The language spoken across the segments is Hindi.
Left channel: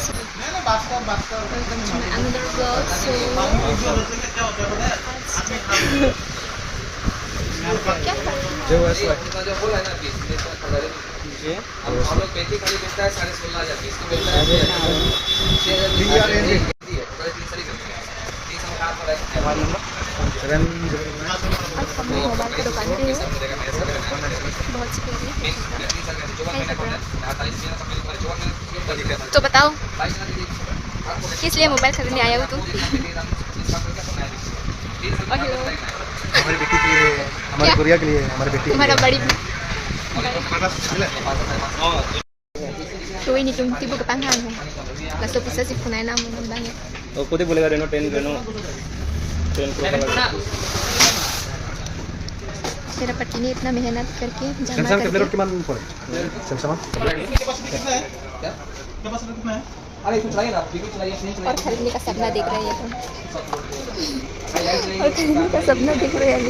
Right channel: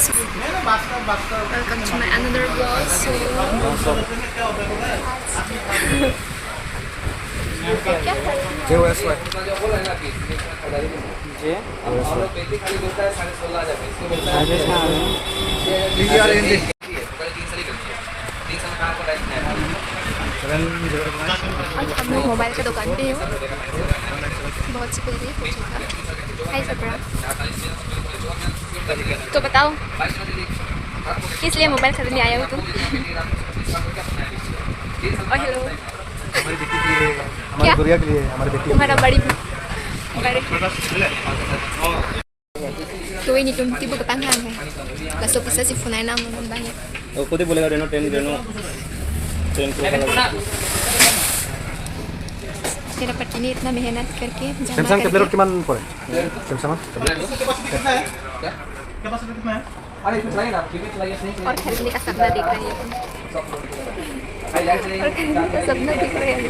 guys, welcome to my another vlog. So हम मोबाइल का दुकान पे हूँ, बहुत सी प्यारी है सबरा। तो बताओ किस लिए मोबाइल खरीदने आया हो तुम? और हेलो, हमारी बेटी के लिए, हमारी गुड़िया के लिए, हमारी बेटी तुम्हारा बड़ी Tuh ini tuh tiba ke panggang ya. Langsung bisa si Funai nama banyak. Oh, kau boleh ada Reno 10 Pro वाला। Saya dapat ini इतना मेहनत करके जमा सैमसंग करके। टेबलेट किमान पड़े? सैमसंग और खरीदने का सपना देख रही है। और खरीदने का सपना देख रही है।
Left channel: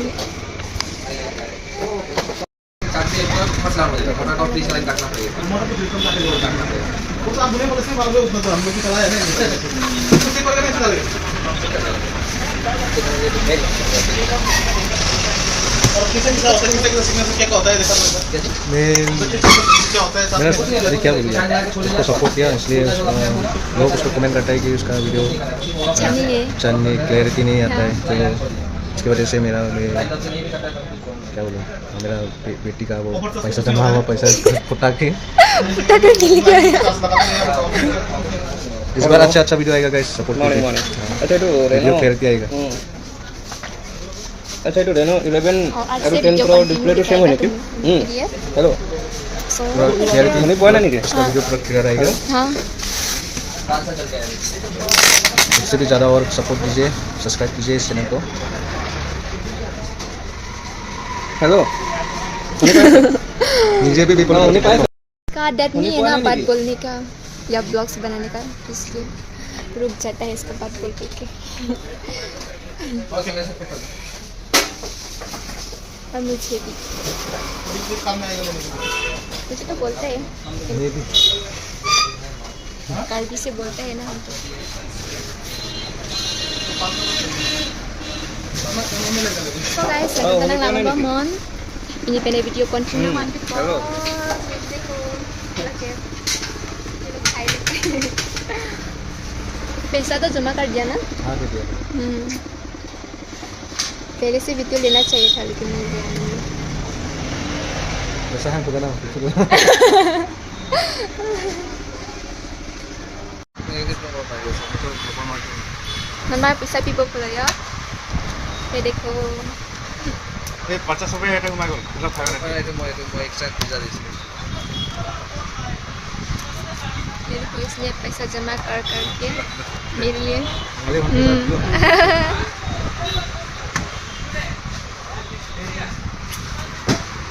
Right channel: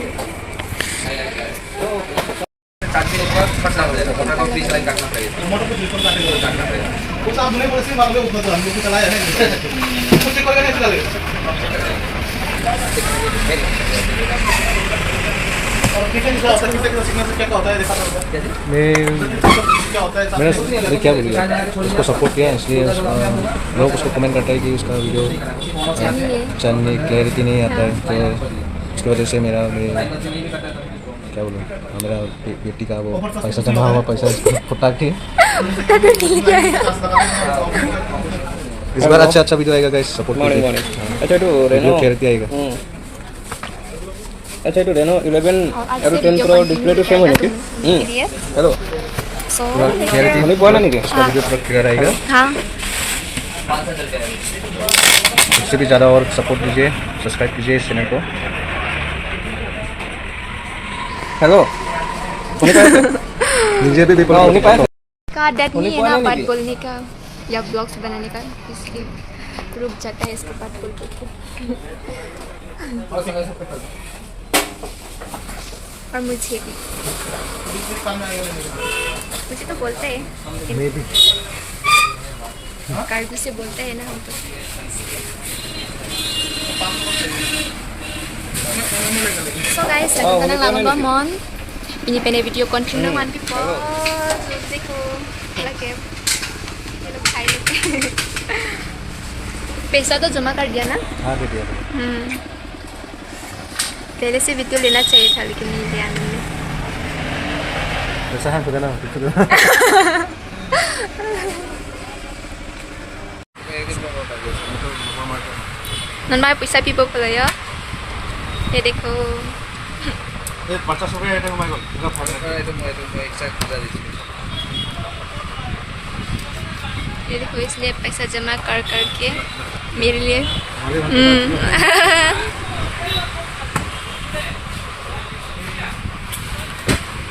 मैंने क्या बोलिए उसको सपोर्ट किया, इसलिए लोग उसको कमेंट करता है कि उसका वीडियो चलने क्लैरिटी नहीं आता है, तो इसकी वजह से मेरा क्या बोलूँ, मेरा बेटी का वो पैसा जमा हुआ पैसा फुटा के इस बार अच्छा वीडियो आएगा गाइस, सपोर्ट कीजिए। अच्छा तो वीडियो क्लैरिटी आएगा। अच्छा तो Reno 11 और 10 Pro डिस्प्ले तो सेम है ना? हेलो, So होने बोला नहीं क्या? इसका वीडियो पूरा क्लियर आएगा। हाँ, इससे भी ज़्यादा और सपोर्ट कीजिए, सब्सक्राइब कीजिए इस चैनल को। हेलो, मुझे भी बोलो का आदत नहीं है ना बात बोलने का या ब्लॉग्स बनाने का, इसलिए रुक जाता है इसको बात करके के। और मुझे भी मुझे तो बोलते हैं, कार्बी से बोलते हैं ना हम तो। So guys, lagi tenang lama banget. Ini pene video continue one people. देखो लगे ये लोग खाई लोग। पैसा तो जमा कर दिया ना? हाँ दे दिया। पहले से वीडियो लेना चाहिए था लेकिन नहीं लिया मैंने। पैसा है तो देना। नंबर पैसा पीपो पड़ा या? ये देखो। ये 50 रुपए है तो मैं बोल। ये देखो, इसलिए पैसा जमा कर करके मेरे लिए।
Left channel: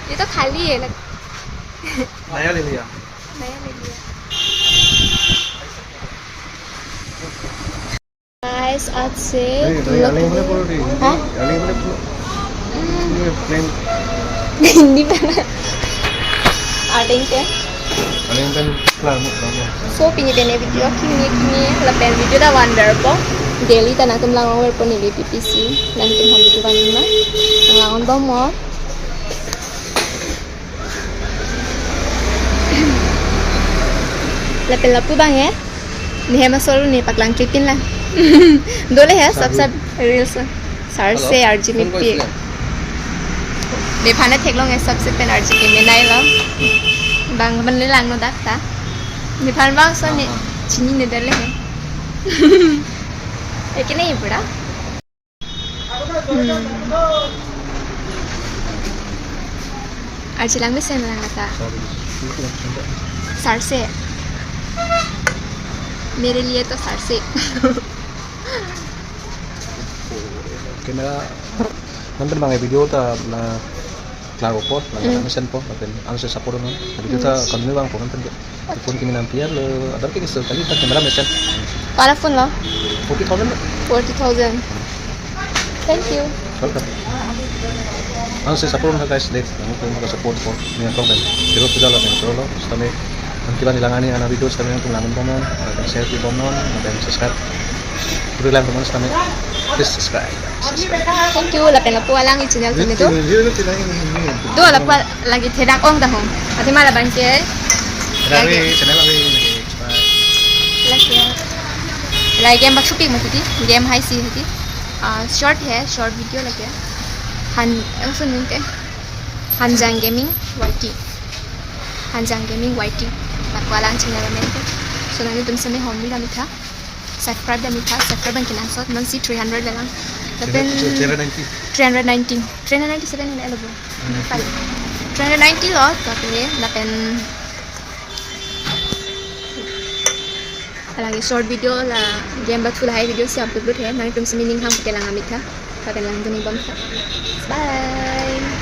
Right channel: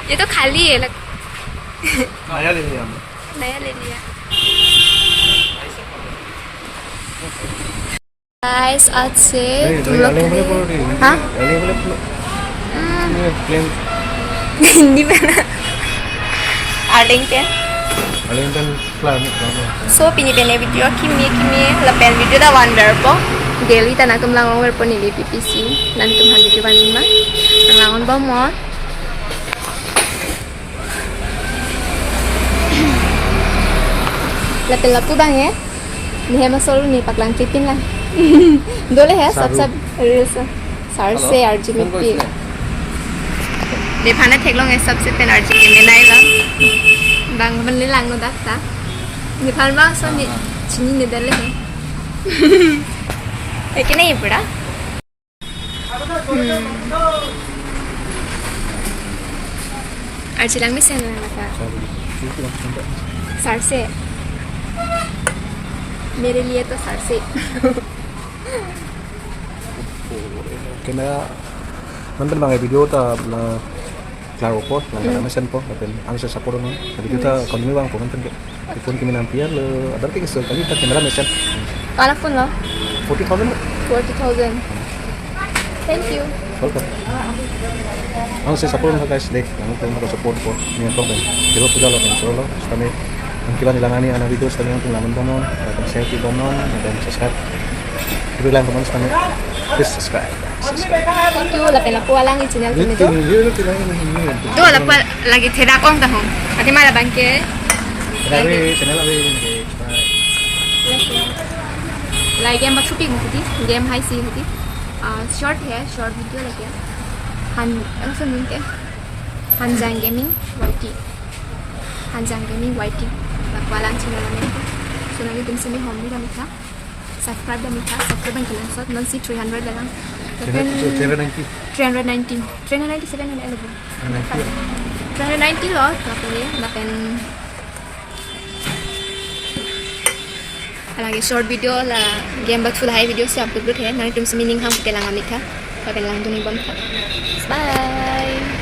ये तो खाली है लग। नया ले लिया। नया ले लिया। गाइस आज से तुम लोग के लिए हाँ hindi pa na ating te so pinipene video kimi lapel video na wonder po daily tanang tum langon wer po ni PPC nan tum han video ban ma ang langon ba mo lapel lapu bang ya ni hema solo ni paklang tripin lang dole hai sab reels sar se arjini Di mana teklong es सबसे पहले अर्जी के में नहीं ला bang मन ले लांग नो दाता di mana bang so ni चीनी ने दले है लेकिन नहीं पड़ा अर्जी लांग में से लांग का सर से मेरे लिए तो सर से camera nonton bang video ta lago po lang mission po natin ang sa support non video ta continue bang po nonton ke phone kini nampiar le adar ke sekali ta camera mission Kala phone lo 40,000 40,000 thank you welcome ang sa support na guys like ang ko support po niya to ben pero pudala ben solo stame Kiban ilangani ana video kami untuk laman pomon, dan share di pomon, dan subscribe. Itu lang pomon kami. Please subscribe. Thank you. Lapen la pualang i channel kami tu. Tu la pua lagi thedak ong tahong. Ati mala bangke. Dari channel kami. Like game baksu pik mati game high si होती short है short video लगे han ऐसा नहीं थे Hanjang Gaming YT Hanjang Gaming YT lakwalang channel में so nanti तुम समय home भी डाली था subscribe डाली था subscribe dan kilang so nanti 300 lelang tapi 390 second ini lagi 390 loh tapi ya napen lagi short video lah game bak full high video से upload है nanti तुम समय ning ham ke lang amit था tapi lang tu ning bom था bye